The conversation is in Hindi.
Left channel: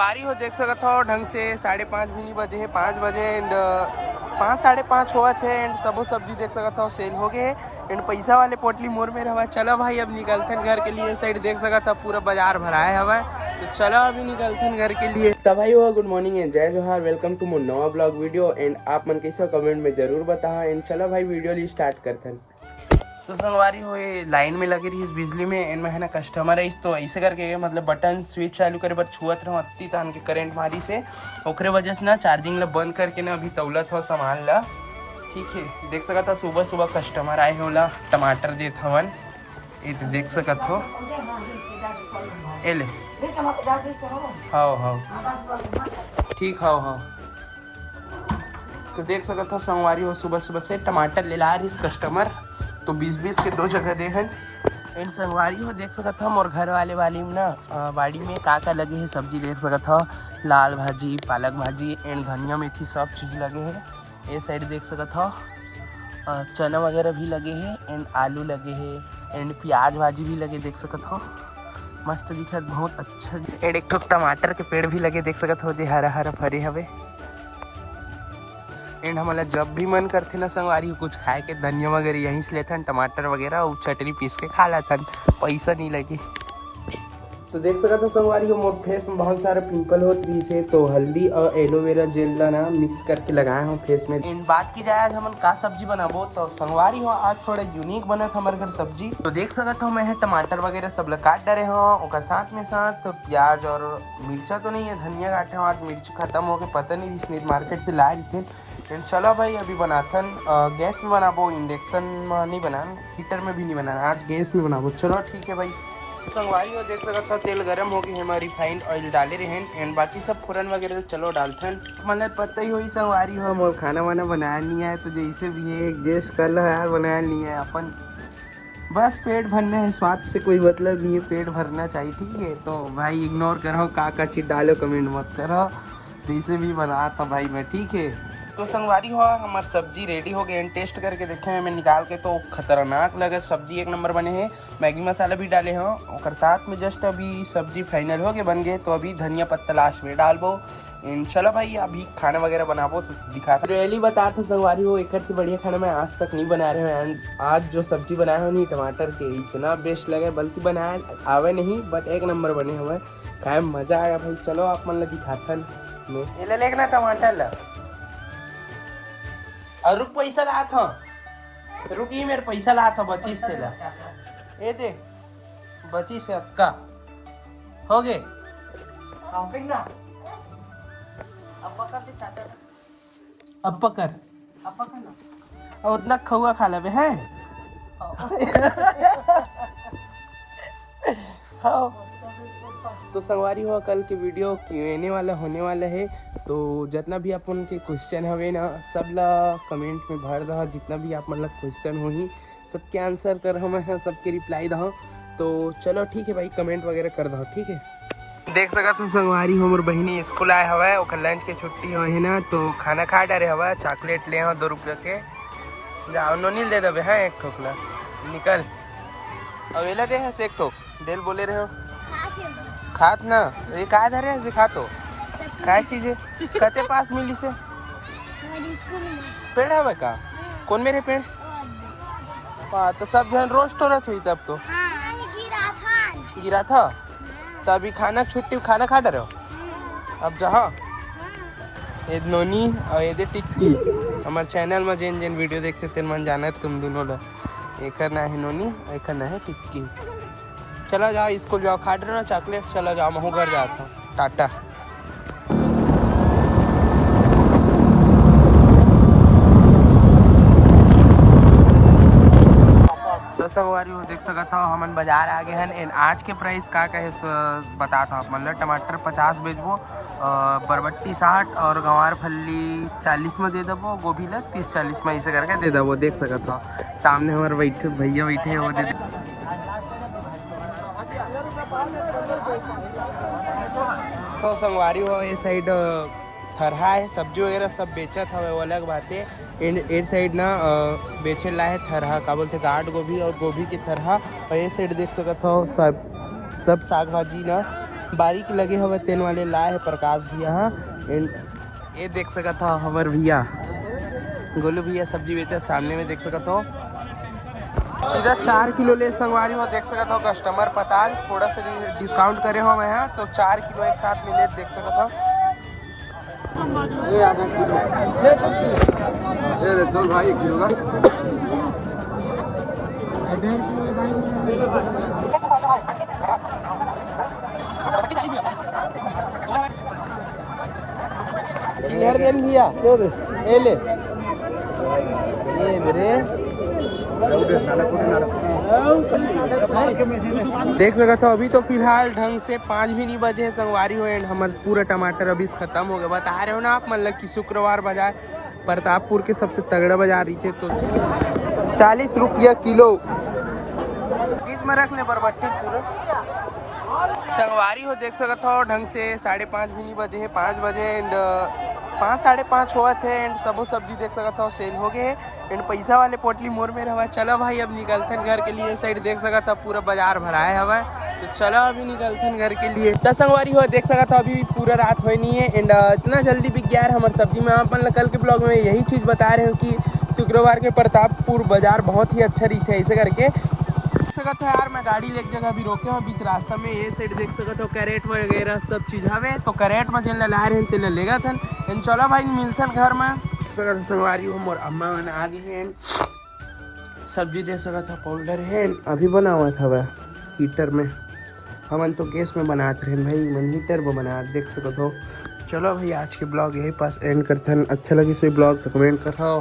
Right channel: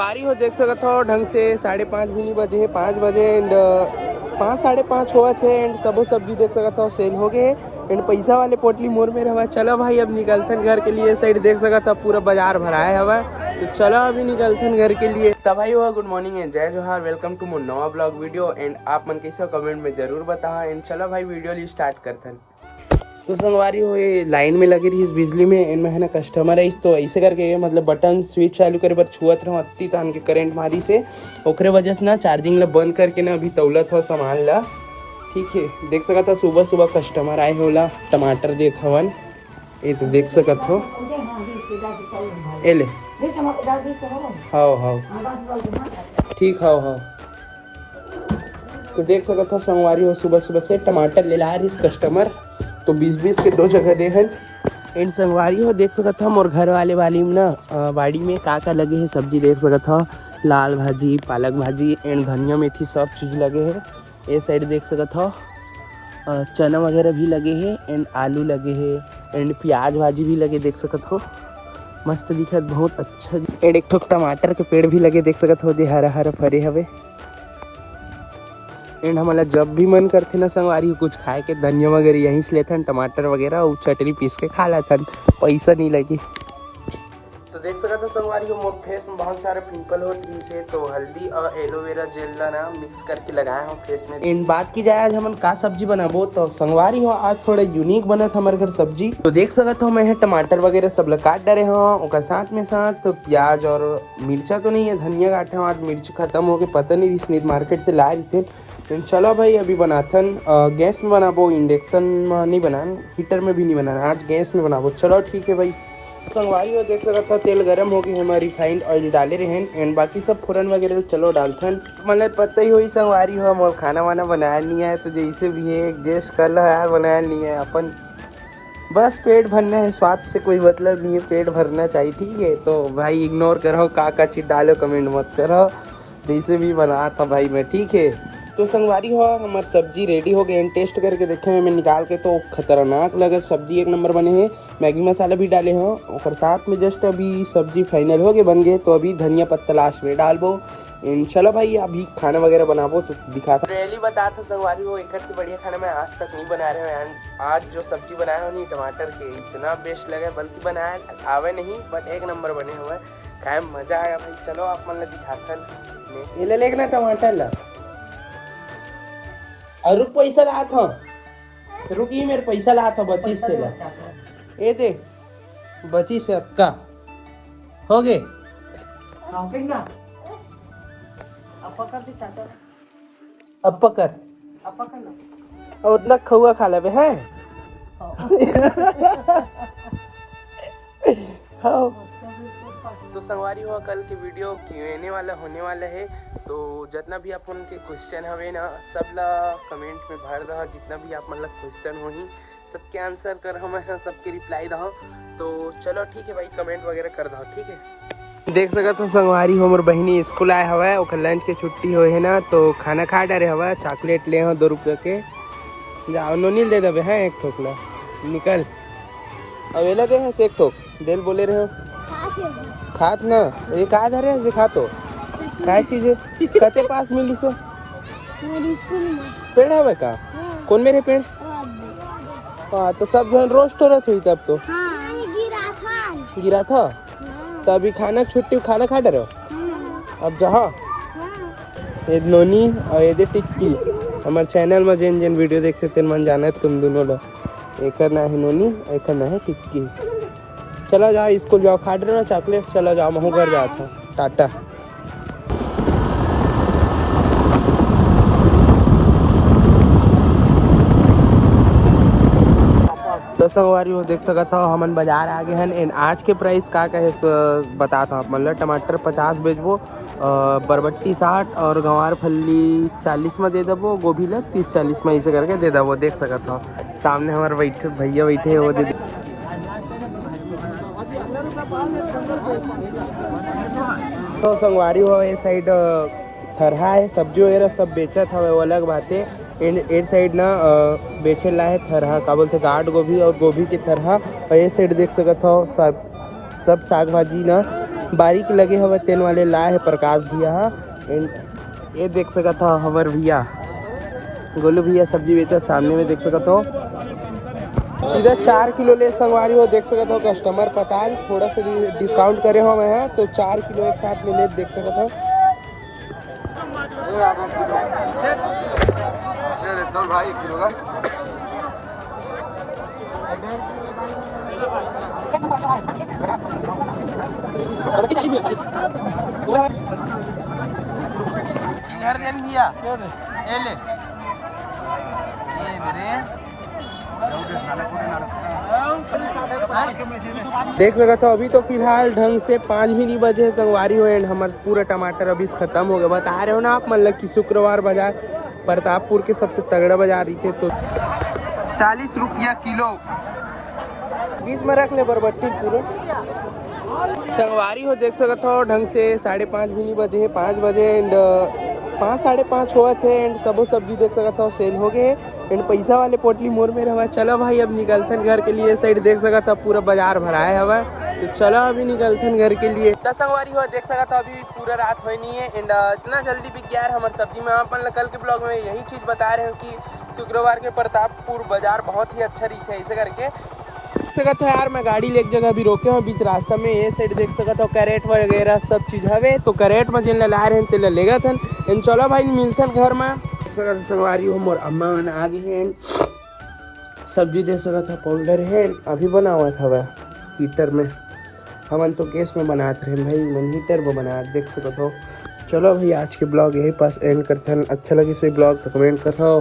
संगवारी हो देख सकत हो ढंग से 5:30 भी नहीं बजे है 5 बजे एंड 5 5:30 हुआ थे एंड सबो सब्जी देख सकत हो सेल हो गए एंड पैसा वाले पोटली मोर में रहा। चलो भाई अब निकलथन घर के लिए। साइड देख सकत हो पूरा बाजार भराए हवा तो चलो अभी निकलथन घर के लिए। तब भाई हो गुड मॉर्निंग एंड जय जोहार, वेलकम टू मोर नवा ब्लॉग वीडियो एंड आप मन कैसे कमेंट में जरूर बताओ एंड चलो भाई वीडियो ली स्टार्ट करथन। तो संगवारी हो ये लाइन में लगी रही बिजली में एंड में है ना कस्टमर है तो ऐसे करके मतलब बटन स्विच चालू करे पर छुअत रहो अत्ती तान के करंट मारी से ओकरे वजह से ना चार्जिंग ला बंद करके ना अभी तौलत हो सामान ला। ठीक है देख सकत हो सुबह सुबह कस्टमर आए होला टमाटर देत हवन ये तो देख सकत हो एले हाँ ठीक हाँ तो देख सकत हो संगवारी हो सुबह सुबह से टमाटर ले ला रही कस्टमर तो 20-20 के 2 जगह दे हैं एंड संगवारी हो देख सकत हो और घर वाले वाली में ना बाड़ी में का लगे है सब्जी देख सकत हो लाल भाजी पालक भाजी एंड धनिया मेथी सब चीज़ लगे है। ये साइड देख सकत हो चना वगैरह भी लगे है एंड आलू लगे है एंड प्याज भाजी भी लगे देख सकत हो मस्त दिखत बहुत अच्छा एंड एक ठो टमाटर के पेड़ भी लगे देख सकत हो जे हरा हरा फरे हवे एंड हमारा जब भी मन करते ना संगवारी कुछ खाए के धनिया वगैरह यहीं से लेथन टमाटर वगैरह और चटनी पीस के खा लेथन पैसा नहीं लगे। तो देख सकते हो संगवारी हो मोर फेस में बहुत सारे पिंपल हो रही से तो हल्दी और एलोवेरा जेल ना मिक्स करके लगाए हो फेस में। इन बात की जाए आज हम का सब्जी बनाबो तो संगवारी हो आज थोड़ा यूनिक बनत हमारे घर सब्जी। तो देख सकते हो मैं टमाटर वगैरह सब लोग काट डरे हो और साथ में साथ तो प्याज और मिर्चा तो नहीं है धनिया काटे हो आज मिर्च खत्म हो गए पता नहीं जिसने मार्केट से लाए थे। चलो भाई अभी बनाथन गैस में बनाबो इंडक्शन में नहीं बनाना हीटर में भी नहीं बनाना आज गैस में बनाबो। चलो ठीक है भाई। संगवारी हो देख सकता तेल गरम हो गई है रिफाइंड ऑयल डाले रहे हैं एंड बाकी सब फोरन वगैरह चलो डालथन मतलब पता ही हुई संगवारी हो मोर खाना वाना बनाया नहीं है तो जैसे भी है एडजस्ट कर लो यार बनाया नहीं है अपन बस पेट भरना है स्वाद से कोई मतलब नहीं है पेट भरना चाहिए ठीक है। तो भाई इग्नोर करो का चीज डालो कमेंट मत करो जैसे भी बना था भाई मैं ठीक है। तो संगवारी हो हमारी सब्जी रेडी हो गई टेस्ट करके देखे हैं मैं निकाल के तो खतरनाक लगे सब्जी एक नंबर बने हैं मैगी मसाला भी डाले हो और साथ में जस्ट अभी सब्जी फाइनल हो गए बन गए तो अभी धनिया पत्ता लास्ट में डालबो। चलो भाई अभी खाना वगैरह बनाबो तो दिखाता रियली बता था संगवारी हो एक से बढ़िया खाना मैं आज तक नहीं बना रहे हैं। आज जो सब्जी बनाया हो नहीं टमाटर के इतना बेस्ट लगे बल्कि बनाया आवे नहीं बट एक नंबर बने हुए खाए मजा आया भाई। चलो आप मतलब दिखाता ले लेना टमाटर ला और रुक पैसा ला था रुकी मेरे पैसा ला था 25 से ला ये दे 25 से अब का हो गए अब पकड़ और उतना खौआ खा ले है तो संगवारी हो कल के वीडियो Q&A वाला होने वाला है तो जितना भी आप उनके क्वेश्चन हवे ना सब ला कमेंट में भर दो जितना भी आप मतलब क्वेश्चन होही सबके आंसर कर हम सबके रिप्लाई दो। तो चलो ठीक है भाई कमेंट वगैरह कर दो ठीक है। देख सकते हो संगवारी हो मोर बहनी स्कूल आए हवा और लंच के छुट्टी हो है ना तो खाना खा डरे हवा चॉकलेट ले हो 2 रुपये के जाओ नोनील दे दबे हाँ एक ठोकला निकल अवेला दे है से एक ठोक डेल बोले रहे हो खात ना ये का धरे से खा तो काय चीज है कते पास मिली से पेड़ हवे का कौन मेरे पेड़ हाँ तो सब जन रोज तोड़त हुई तब तो गिरा था तो अभी खाना छुट्टी खाना खा डरे हो अब जहाँ ये नोनी और ये टिक्की हमारे चैनल में जिन जिन वीडियो देखते थे मन जाना है तुम दोनों लोग एक ना है नोनी एक ना है टिक्की। चलो जाओ स्कूल जाओ खा रहे हो चॉकलेट चलो जाओ महू घर जाता टाटा। तो संगवारी हो देख सकता हो हमन बाजार आ गए हैं एंड आज के प्राइस का है बताता हूँ मतलब टमाटर 50 बेचबो बरबट्टी 60 और गंवार फल्ली 40 में दे दबो गोभी ला 30-40 में ऐसे करके दे दबो देख सकता हो सामने हमारे बैठे भैया बैठे वो दे तो संगवारी हो ये साइड थरहा है सब्जी वगैरह सब बेचत हवे वो अलग बात है एक साइड ना बेचे ला है थरहा का बोलते गाढ़ गोभी और गोभी के थरहा और ये साइड देख सकते हो सब साग भाजी ना बारीक लगे हवे तेन वाले लाए है प्रकाश भैया। हाँ एंड ये देख सकत हो हमार भैया गोलू भैया सब्जी बेचते सामने में देख सकत हो। सीधा 4 किलो ले संगवारी हो देख सकत हो। कस्टमर पताल थोड़ा सा डिस्काउंट करे हो मैं तो 4 किलो एक साथ में ले देख सकत हो। चिल्हर देन भैया ये ले ये रे देख सकते हो। अभी तो फिलहाल ढंग से 5 भी नहीं बजे है संगवारी हो एंड हमारे पूरा टमाटर अभी खत्म हो गया। बता रहे हो ना आप मतलब कि शुक्रवार बाजार प्रतापपुर के सबसे तगड़ा बाजार रही थे तो 40 रुपया किलो 20 में रख ले बरबट्टी पूरा संगवारी हो देख सकते हो। ढंग से 5:30 भी नहीं बजे है 5 बजे एंड 5 साढ़े 5 हुआ थे एंड सबो सब्जी देख सकते हो सेल हो गए एंड पैसा वाले पोटली मोड़ में रहा। चलो भाई अब निकलथन घर के लिए। साइड देख सकते हो पूरा बाजार भराए हवा तो चलो अभी निकलथन घर के लिए। संगवारी हो देख सकते हो अभी पूरा रात हो नहीं है एंड इतना जल्दी बिक गया है हमारे सब्जी में। अपन कल के ब्लॉग में यही चीज़ बता रहे हो कि शुक्रवार के प्रतापपुर बाजार बहुत ही अच्छा रही थे ऐसे करके सकत है यार। मैं गाड़ी ले एक जगह अभी रोके हूँ बीच रास्ता में ये साइड देख सकते हो कैरेट वगैरह सब चीज़ हवे तो कैरेट में जिन ला रहे हैं लेगा थन एंड चलो भाई मिलथन घर में। संगवारी हो मोर अम्मा मन आ गए हैं सब्जी दे सकता पाउडर है अभी बना हुआ था वह हीटर में। हमन तो गैस में बनाते रहे भाई मन हीटर में बना देख सकते हो। चलो भाई आज के ब्लॉग यही पास एंड करते हैं। अच्छा लगे सो ब्लॉग तो कमेंट करो।